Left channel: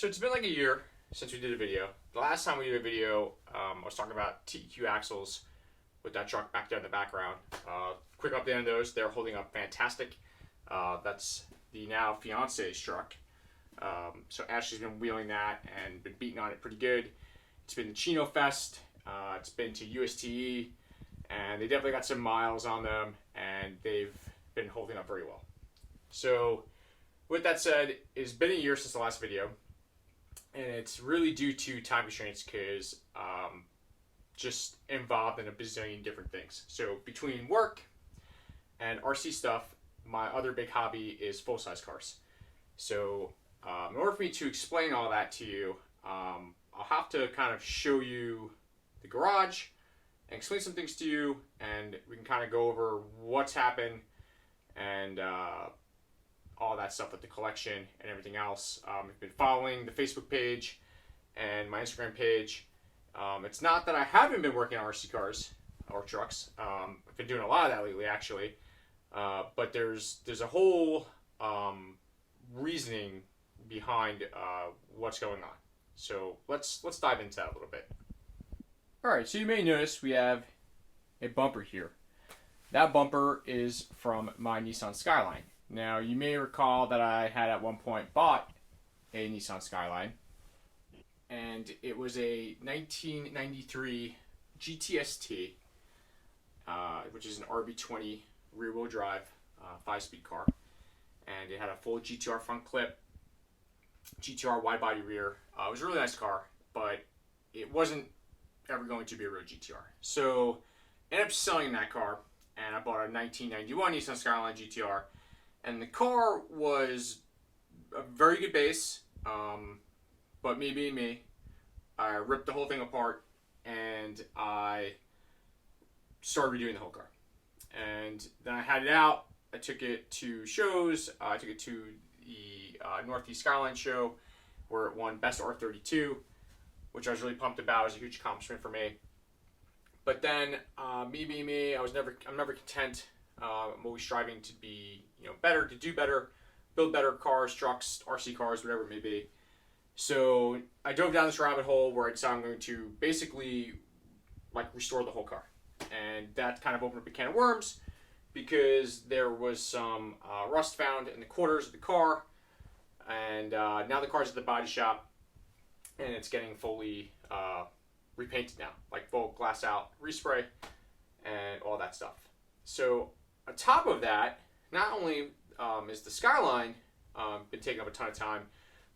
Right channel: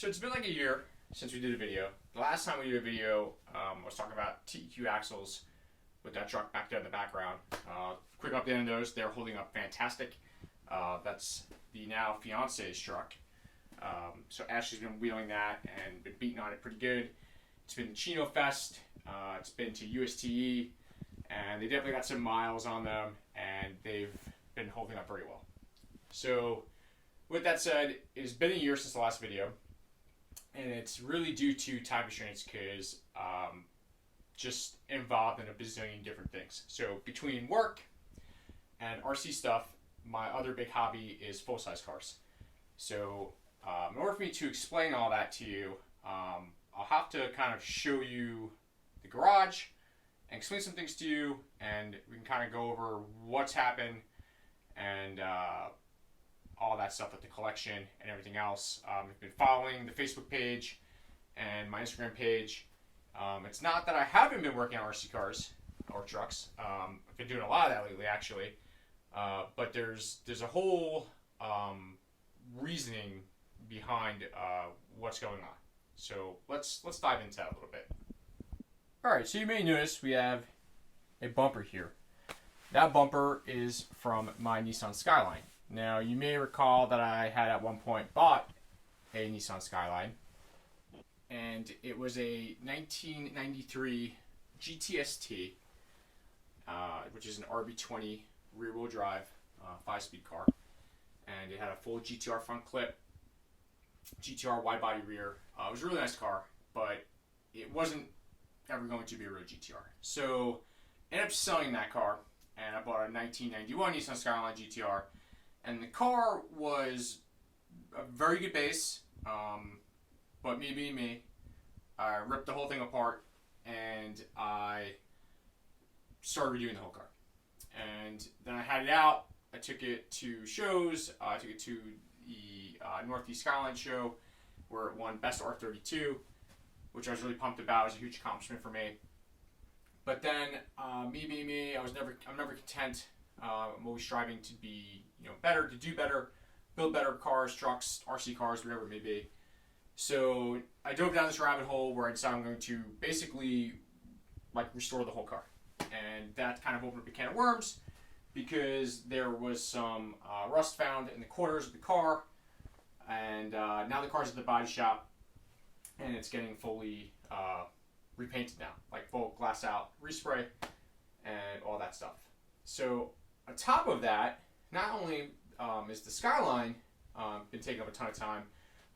So it's been like a year since we did a video. The last time we did a video, I was talking about TEQ axles with that truck back there in the background. Quick update on those. They're holding up fantastic. That's the now fiance's truck. So Ashley's been wheeling that and been beating on it pretty good. It's been to Chino Fest. It's been to USTE. And they definitely got some miles on them. And they've been holding up very well. So with that said, it's been a year since the last video. And it's really due to time constraints because just involved in a bazillion different things. So between work and RC stuff, my other big hobby is full-size cars. So in order for me to explain all that to you, I'll have to kind of show you the garage and explain some things to you, and we can kind of go over what's happened and all that stuff with the collection and everything else. I've been following the Facebook page and my Instagram page. It's not that I haven't been working on RC cars or trucks. I've been doing a lot of that lately, actually. But there's a whole reasoning behind what's going on. So let's dive into that a little bit. All right, so you may notice we have a bumper here. That bumper is from my Nissan Skyline. Now, you may recall that I had at one point bought a Nissan Skyline, and it was a 1993 GTST, which is an RB20 rear-wheel drive 5-speed car, and it had a full GTR front clip, GTR wide-body rear. It was a really nice car, but it wasn't ever going to be a real GTR. So, I ended up selling that car, and I bought a 1991 Nissan Skyline GTR. And the car was a very good base, but me being me, I ripped the whole thing apart and I started redoing the whole car. And then I had it out. I took it to shows. I took it to the Northeast Skyline show where it won Best R32, which I was really pumped about. It was a huge accomplishment for me. But then, me being me, I'm never content. I'm always striving to be, better, to do better, build better cars, trucks, RC cars, whatever it may be. So I dove down this rabbit hole where I decided I'm going to basically restore the whole car. And that kind of opened up a can of worms because there was some rust found in the quarters of the car. And now the car's at the body shop and it's getting fully repainted now, like full glass out respray and all that stuff. So on top of that, not only is the Skyline been taking up a ton of time,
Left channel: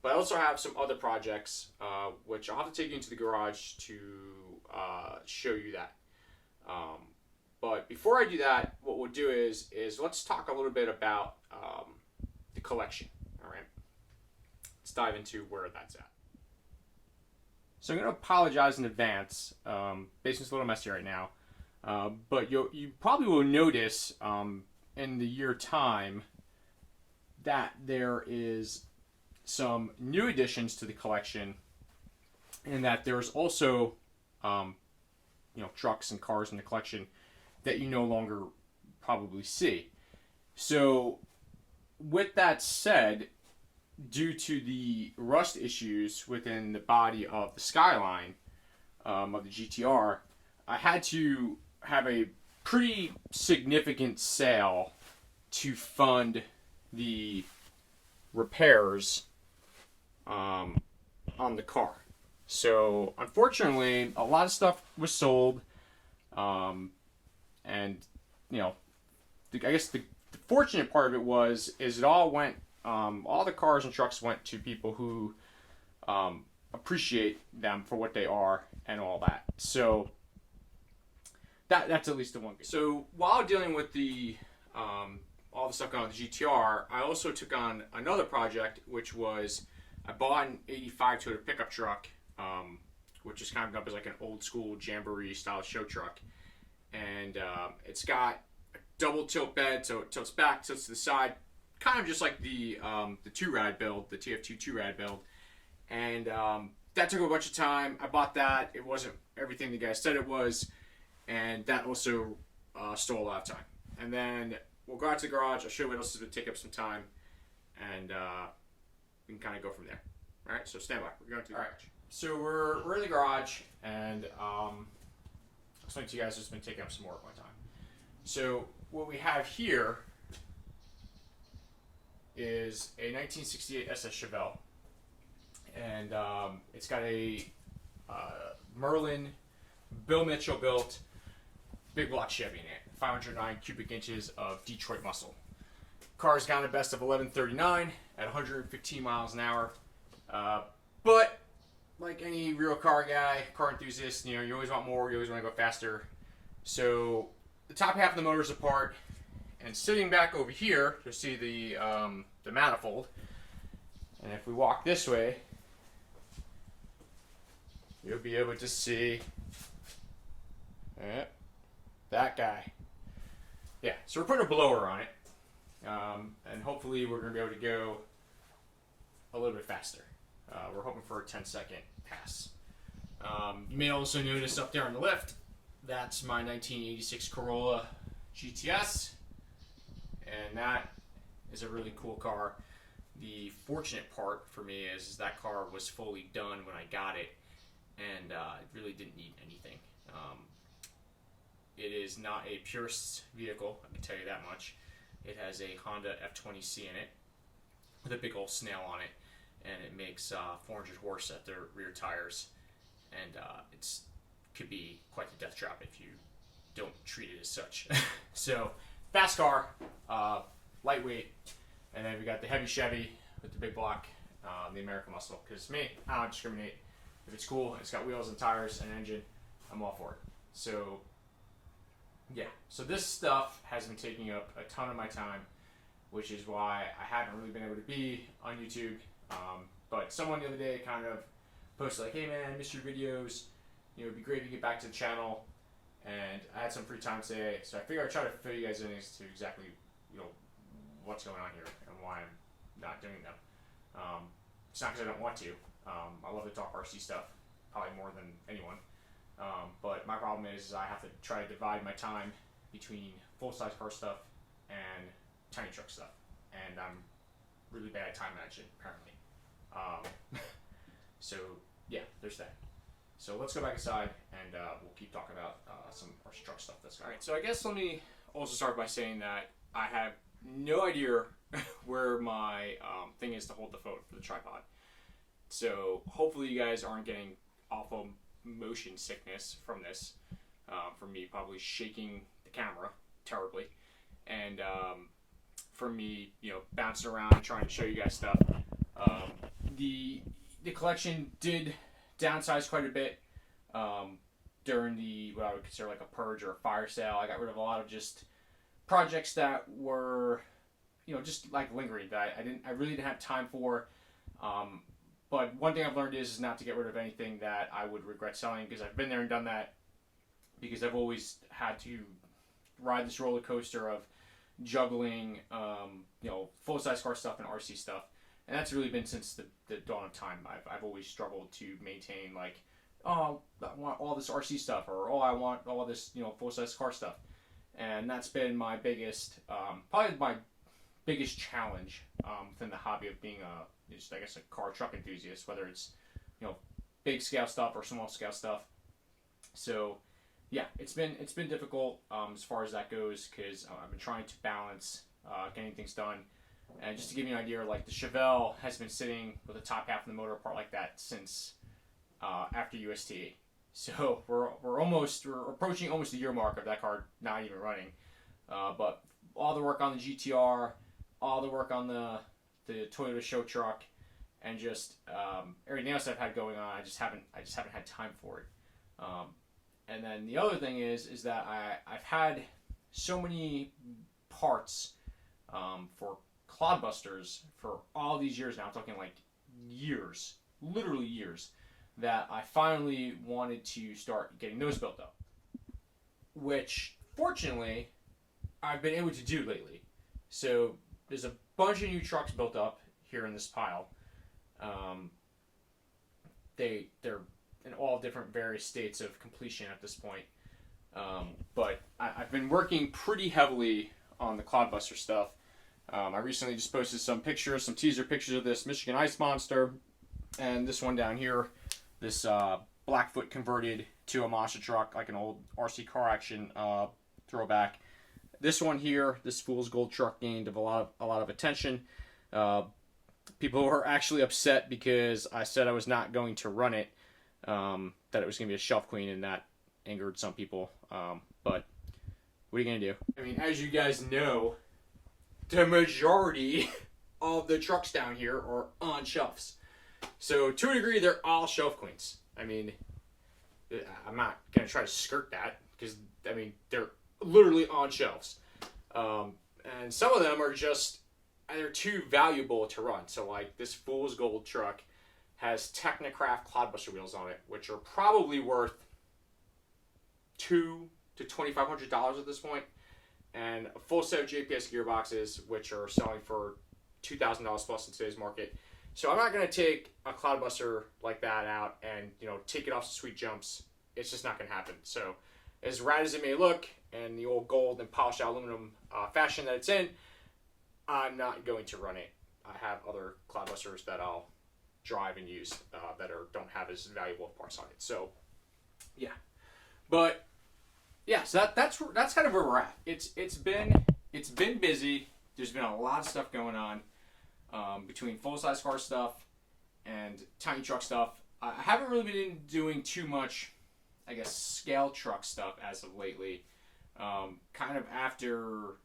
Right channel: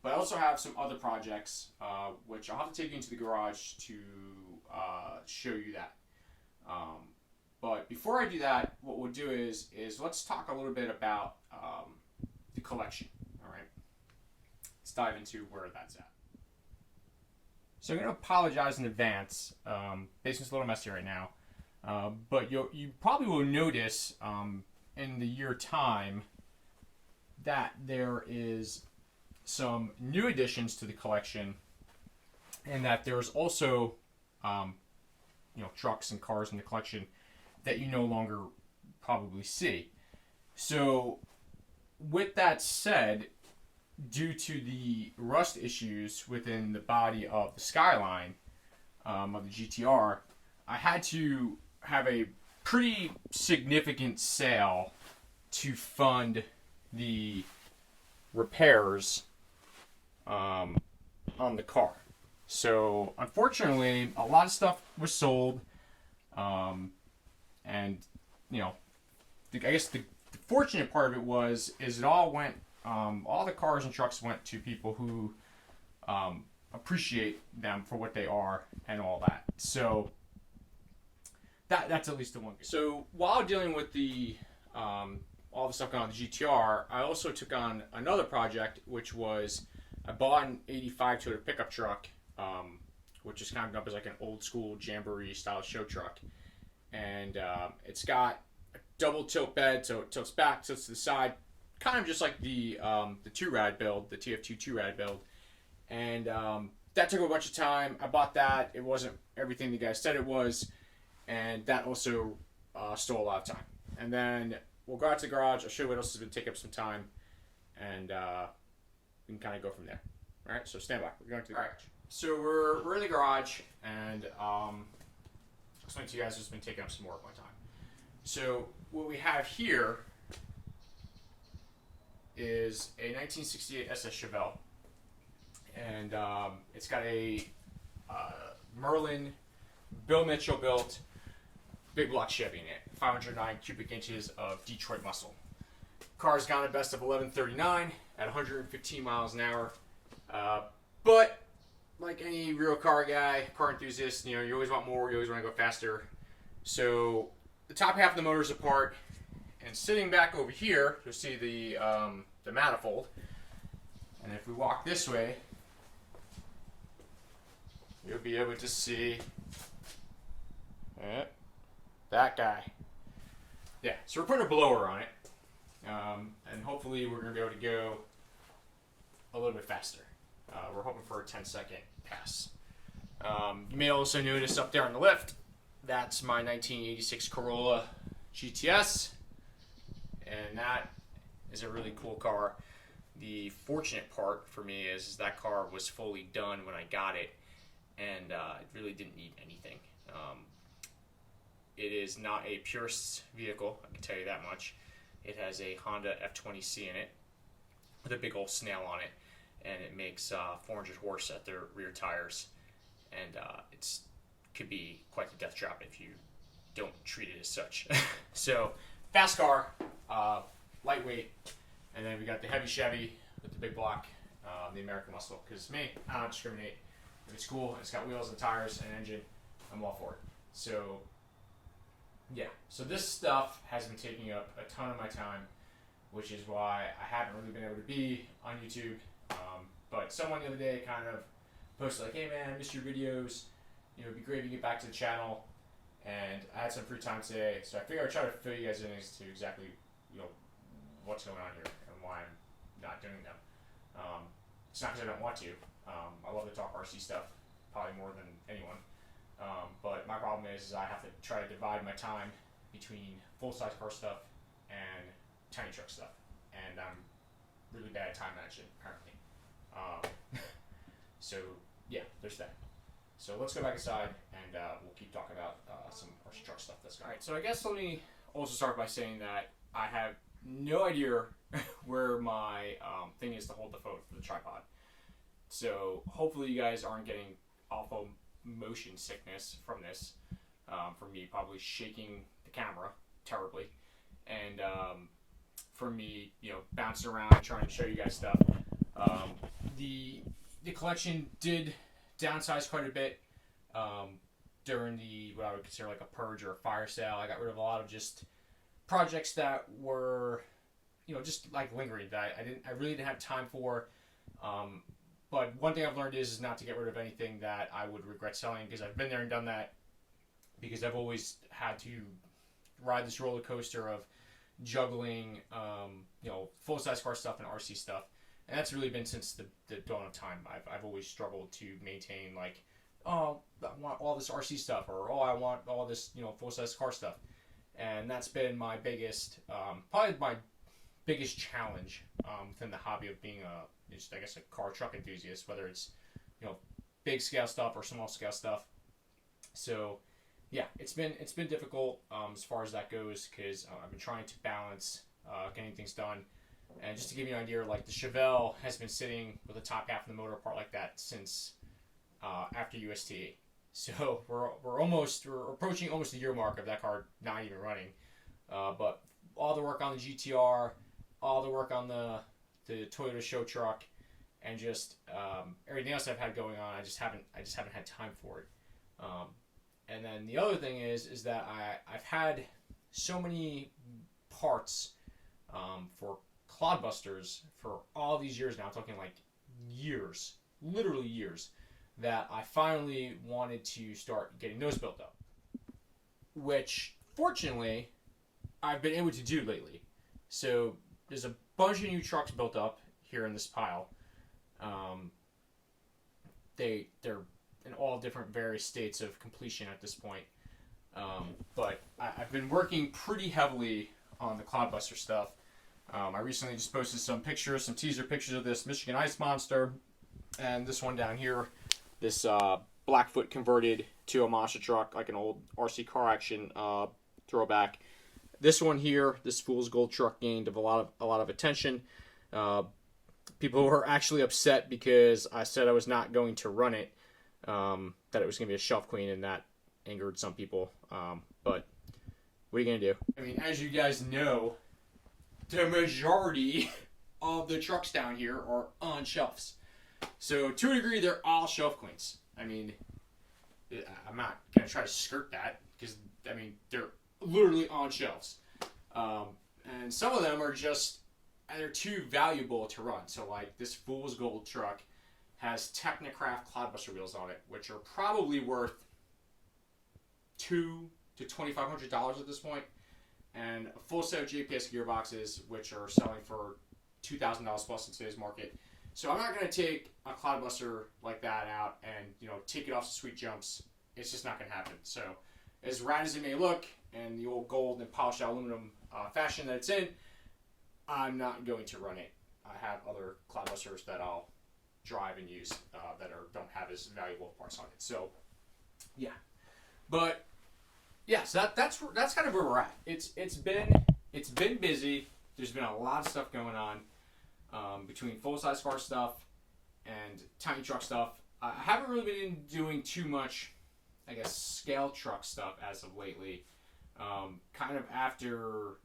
but I also have some other projects which I'll have to take you into the garage to show you that. But before I do that, what we'll do is let's talk a little bit about the collection. All right, let's dive into where that's at. So I'm going to apologize in advance. Basement's a little messy right now. But you probably will notice in the year time that there is some new additions to the collection, and that there's also trucks and cars in the collection that you no longer probably see. So with that said, due to the rust issues within the body of the Skyline of the GTR, I had to have a pretty significant sale to fund the repairs on the car. So unfortunately, a lot of stuff was sold, and I guess the fortunate part of it is it all went, all the cars and trucks went to people who appreciate them for what they are and all that. So that's at least the one. So while dealing with the all the stuff going on with the GTR, I also took on another project, which was I bought an '85 Toyota pickup truck, which is kind of up as like an old school Jamboree style show truck, and it's got a double tilt bed, so it tilts back, tilts to the side, kind of just like the 2-rad build, the TF2 2-rad build, and that took a bunch of time. I bought that. It wasn't everything the guy said it was. And that also stole a lot of time. And then we'll go out to the garage. I'll show you what else has been taking up some time. And we can kind of go from there. All right, so stand by. We're going to the garage. So we're in the garage, and I'll explain to you guys what's been taking up some more of my time. So what we have here is a 1968 SS Chevelle, and it's got a Merlin, Bill Mitchell built big block Chevy in it, 509 cubic inches of Detroit muscle. Car's got a best of 1139 at 115 miles an hour. But like any real car guy, car enthusiast, you know, you always want more, you always want to go faster. So the top half of the motor is apart, and sitting back over here, you'll see the manifold. And if we walk this way, you'll be able to see that guy. Yeah, so we're putting a blower on it, and hopefully we're going to be able to go a little bit faster. We're hoping for a 10-second pass. You may also notice up there on the left, that's my 1986 Corolla GTS, and that is a really cool car. The fortunate part for me is that car was fully done when I got it, and it really didn't need anything. It is not a purist vehicle, I can tell you that much. It has a Honda F20C in it with a big old snail on it, and it makes 400 horse at their rear tires, and it's could be quite the death trap if you don't treat it as such. So fast car, lightweight, and then we got the heavy Chevy with the big block, the American muscle. Because me, I don't discriminate. If it's cool and it's got wheels and tires and engine, I'm all for it. So yeah, so this stuff has been taking up a ton of my time, which is why I haven't really been able to be on YouTube. But someone the other day kind of posted like, hey man, I missed your videos. You know, it'd be great if you get back to the channel. And I had some free time today, so I figured I'd try to fill you guys in as to exactly, you know, what's going on here and why I'm not doing them. It's not because I don't want to. I love to talk RC stuff, probably more than anyone. But my problem is I have to try to divide my time between full-size car stuff and tiny truck stuff. And I'm really bad at time management, apparently. So, yeah, there's that. So let's go back inside, and we'll keep talking about some RC truck stuff that's going on. All right, so I guess let me also start by saying that I have no idea where my thing is to hold the phone for the tripod. So hopefully you guys aren't getting awful motion sickness from this. From me probably shaking the camera terribly, and from me, you know, bouncing around and trying to show you guys stuff. The collection did downsize quite a bit during the what I would consider like a purge or a fire sale. I got rid of a lot of just projects that were, you know, just like lingering that I really didn't have time for. But one thing I've learned is not to get rid of anything that I would regret selling, because I've been there and done that, because I've always had to ride this roller coaster of juggling, you know, full-size car stuff and RC stuff. And that's really been since the dawn of time. I've always struggled to maintain, like, oh, I want all this RC stuff, or oh, I want all this, you know, full-size car stuff. And that's been my biggest, probably my biggest challenge within the hobby of being just, I guess, a car truck enthusiast, whether it's, you know, big scale stuff or small scale stuff. So yeah, it's been difficult as far as that goes, because I've been trying to balance getting things done. And just to give you an idea, like the Chevelle has been sitting with the top half of the motor apart like that since after USTA. So we're approaching almost the year mark of that car not even running. But all the work on the GTR, all the work on the Toyota show truck, and just everything else I've had going on, I just haven't had time for it. And then the other thing is that I've had so many parts for Clodbusters for all these years now. I'm talking like years, literally years, that I finally wanted to start getting those built up, which fortunately I've been able to do lately. So there's a bunch of new trucks built up here in this pile. They're in all different various states of completion at this point. But I've been working pretty heavily on the Clodbuster stuff. I recently just posted some teaser pictures of this Michigan Ice Monster. And this one down here, this Blackfoot converted to a monster truck, like an old RC car action throwback. This one here, this Fool's Gold truck, gained a lot of attention. People were actually upset because I said I was not going to run it, that it was going to be a shelf queen, and that angered some people. But what are you going to do? I mean, as you guys know, the majority of the trucks down here are on shelves. So to a degree, they're all shelf queens. I mean, I'm not going to try to skirt that because, I mean, they're literally on shelves. And some of them are just, and they're too valuable to run. So like this Fool's Gold truck has Technocraft Clodbuster wheels on it, which are probably worth $200 to $2,500 at this point, and a full set of JPS gearboxes, which are selling for $2,000 plus in today's market. So I'm not going to take a Clodbuster like that out and, you know, take it off some sweet jumps. It's just not going to happen. So as rad as it may look, and the old gold and polished aluminum fashion that it's in, I'm not going to run it. I have other Clodbusters that I'll drive and use that don't have as valuable parts on it. So, yeah. But yeah, so that's kind of where we're at. It's been busy. There's been a lot of stuff going on between full size car stuff and tiny truck stuff. I haven't really been doing too much, I guess, scale truck stuff as of lately. Kind of after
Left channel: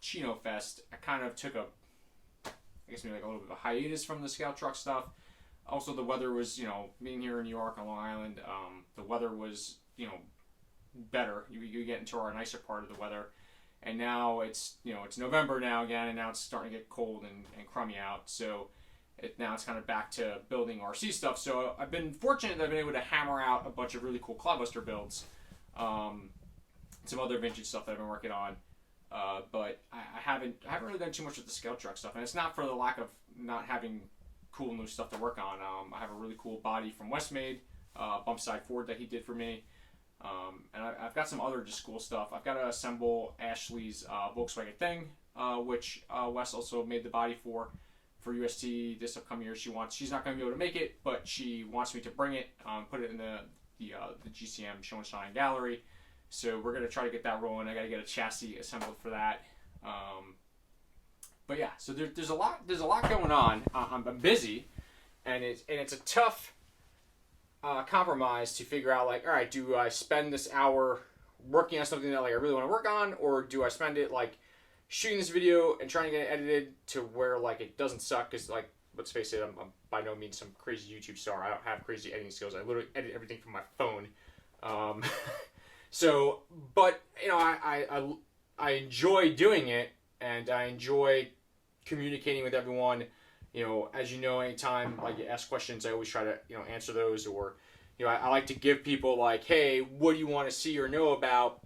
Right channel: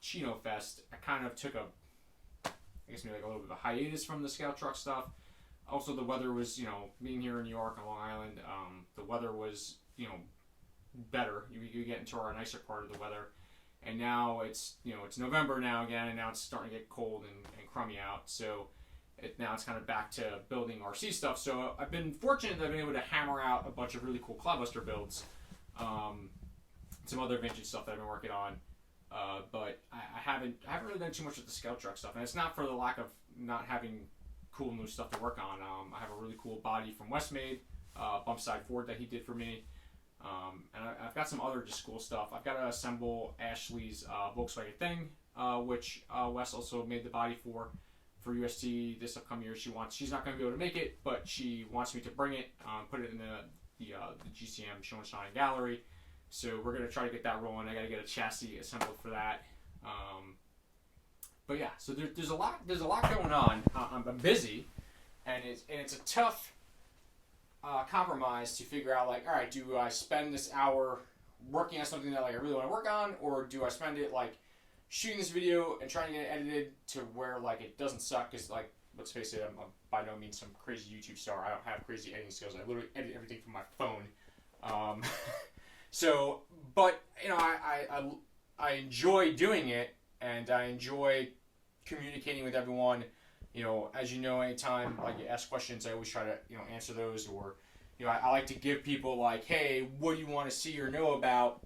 Chino Fest, I kind of took maybe like a little bit of a hiatus from the scale truck stuff. Also, the weather was, you know, being here in New York on Long Island, the weather was, you know, better. You get into our nicer part of the weather. And now it's, you know, it's November now again, and now it's starting to get cold and crummy out. So now it's kind of back to building RC stuff. So I've been fortunate that I've been able to hammer out a bunch of really cool Clodbuster builds. Some other vintage stuff that I've been working on. But I haven't really done too much with the scale truck stuff. And it's not for the lack of not having cool new stuff to work on. I have a really cool body from Westmade, bump side Ford that he did for me. And I've got some other just cool stuff. I've got to assemble Ashley's Volkswagen Thing, which Wes also made the body for UST this upcoming year. She's not going to be able to make it, but she wants me to bring it, put it in the GCM Show and Shine Gallery. So we're going to try to get that rolling. I got to get a chassis assembled for that. But yeah, so there's a lot going on. I'm busy, and it's a tough compromise to figure out, like, all right, do I spend this hour working on something that like I really want to work on, or do I spend it like shooting this video and trying to get it edited to where like it doesn't suck? Because like, let's face it, I'm by no means some crazy YouTube star. I don't have crazy editing skills. I literally edit everything from my phone. So, but you know, I enjoy doing it, and I enjoy communicating with everyone. You know, as you know, anytime like you ask questions, I always try to, you know, answer those. Or, you know, I like to give people like, hey, what do you want to see or know about?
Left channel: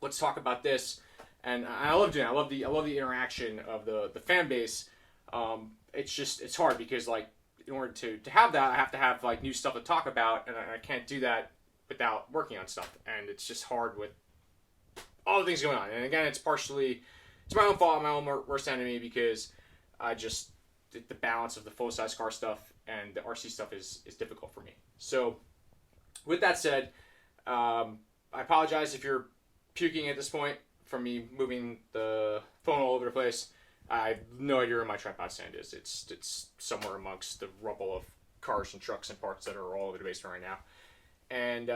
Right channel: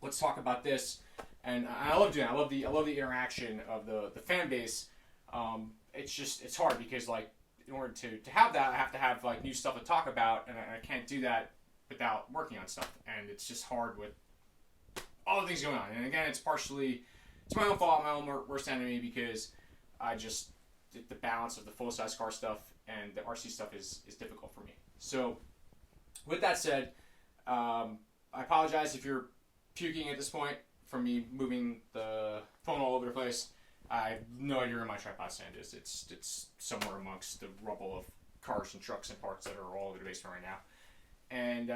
Let's talk about this. And I love doing that. I love the interaction of the fan base. It's hard because like in order to have that, I have to have like new stuff to talk about, and I can't do that without working on stuff. And it's just hard with all the things going on. And again, it's my own fault, my own worst enemy, because the balance of the full size car stuff and the RC stuff is difficult for me. So with that said, I apologize if you're puking at this point from me moving the phone all over the place. I have no idea where my tripod stand is. It's somewhere amongst the rubble of cars and trucks and parts that are all over the basement right now. And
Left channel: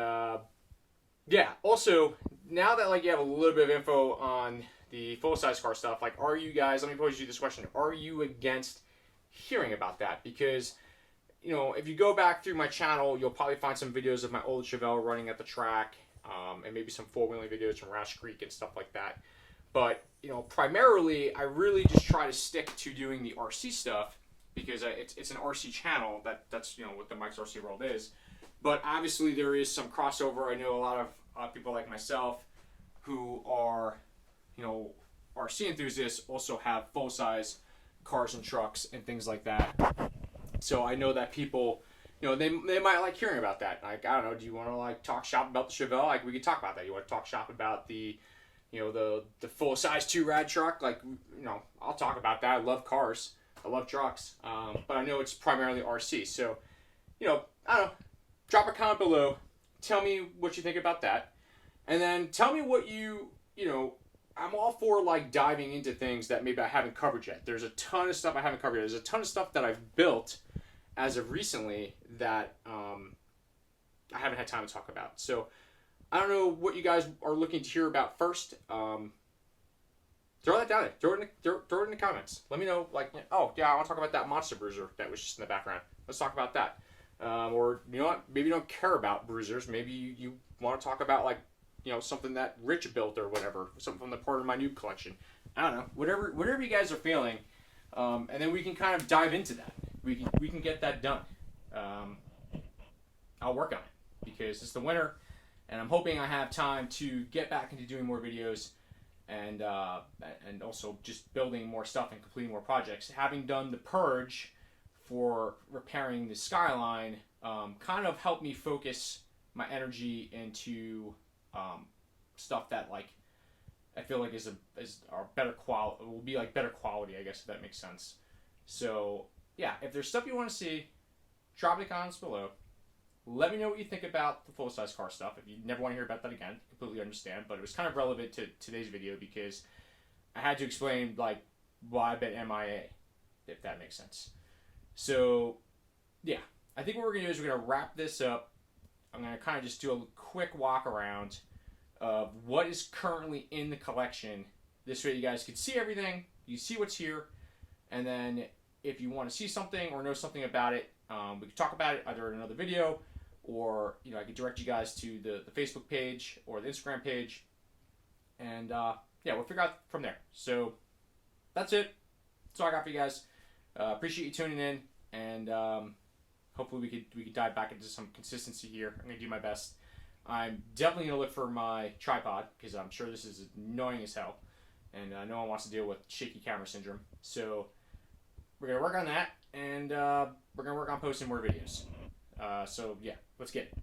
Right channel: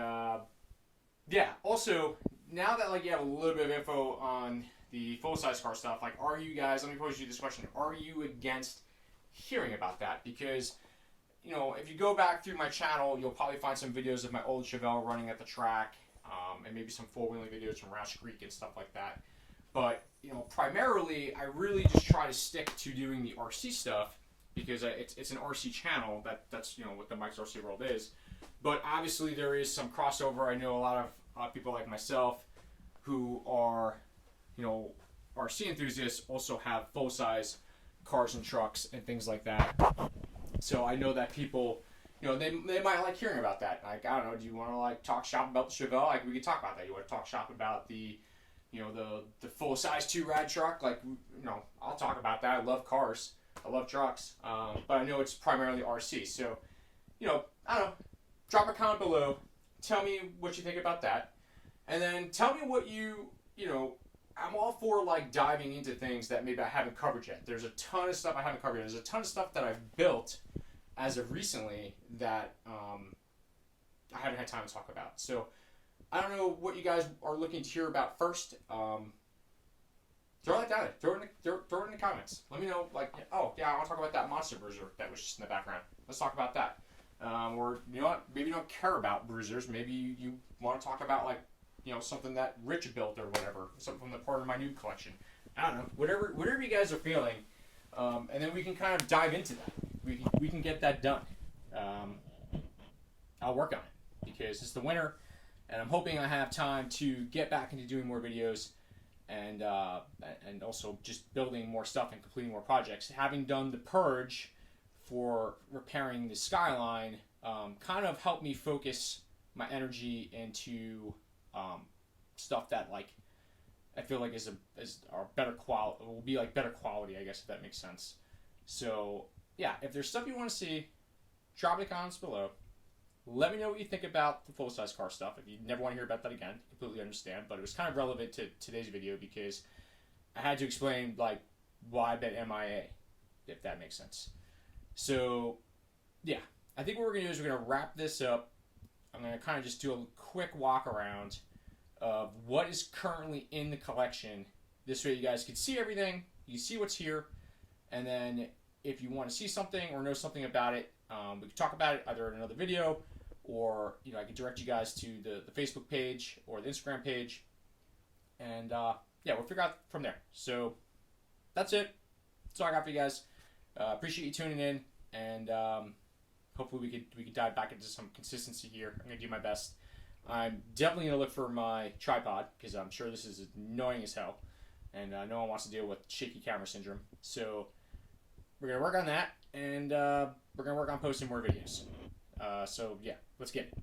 yeah, also now that like you have a little bit of info on the full size car stuff, like, are you guys, let me pose you this question, are you against hearing about that? Because, you know, if you go back through my channel, you'll probably find some videos of my old Chevelle running at the track, and maybe some four-wheeling videos from Roush Creek and stuff like that. But, you know, primarily, I really just try to stick to doing the RC stuff, because it's an RC channel. That's, you know, what the Mike's RC World is. But obviously, there is some crossover. I know a lot of people like myself who are, you know, RC enthusiasts also have full-size cars and trucks and things like that. So I know that people, you know, they might like hearing about that. Like, I don't know, do you want to like talk shop about the Chevelle? Like, we could talk about that. You want to talk shop about the, you know, the full size 2 rad truck? Like, you know, I'll talk about that. I love cars. I love trucks, but I know it's primarily RC. So, I don't know. Drop a comment below. Tell me what you think about that. And then tell me what I'm all for like diving into things that maybe I haven't covered yet. There's a ton of stuff I haven't covered. There's a ton of stuff that I've built as of recently that I haven't had time to talk about. So I don't know what you guys are looking to hear about first. Throw that down there. Throw it in the comments. Let me know, like, oh yeah, I want to talk about that monster bruiser that was just in the background. Let's talk about that. Or you know what? Maybe you don't care about bruisers. Maybe you want to talk about like something that Rich built or whatever. Something from the part of my new collection. I don't know. Whatever you guys are feeling, and then we can kind of dive into that. We can get that done. I'll work on it because it's the winter, and I'm hoping I have time to get back into doing more videos. And also just building more stuff and completing more projects. Having done the purge for repairing the skyline, kind of helped me focus my energy into stuff that like I feel like is better quality. Will be like better quality, I guess, if that makes sense. So yeah, if there's stuff you want to see, drop it in the comments below. Let me know what you think about the full-size car stuff. If you never want to hear about that again, completely understand. But it was kind of relevant to today's video because I had to explain like why I've been MIA, if that makes sense. So, yeah. I think what we're going to do is we're going to wrap this up. I'm going to kind of just do a quick walk around of what is currently in the collection. This way you guys can see everything. You can see what's here. And then if you want to see something or know something about it, we can talk about it either in another video, or I can direct you guys to the Facebook page or the Instagram page, and yeah, we'll figure out from there. So that's it. That's all I got for you guys. Appreciate you tuning in, and hopefully we could dive back into some consistency here. I'm gonna do my best. I'm definitely gonna look for my tripod because I'm sure this is annoying as hell, and no one wants to deal with shaky camera syndrome. So we're gonna work on that, and we're gonna work on posting more videos. So yeah, let's get it.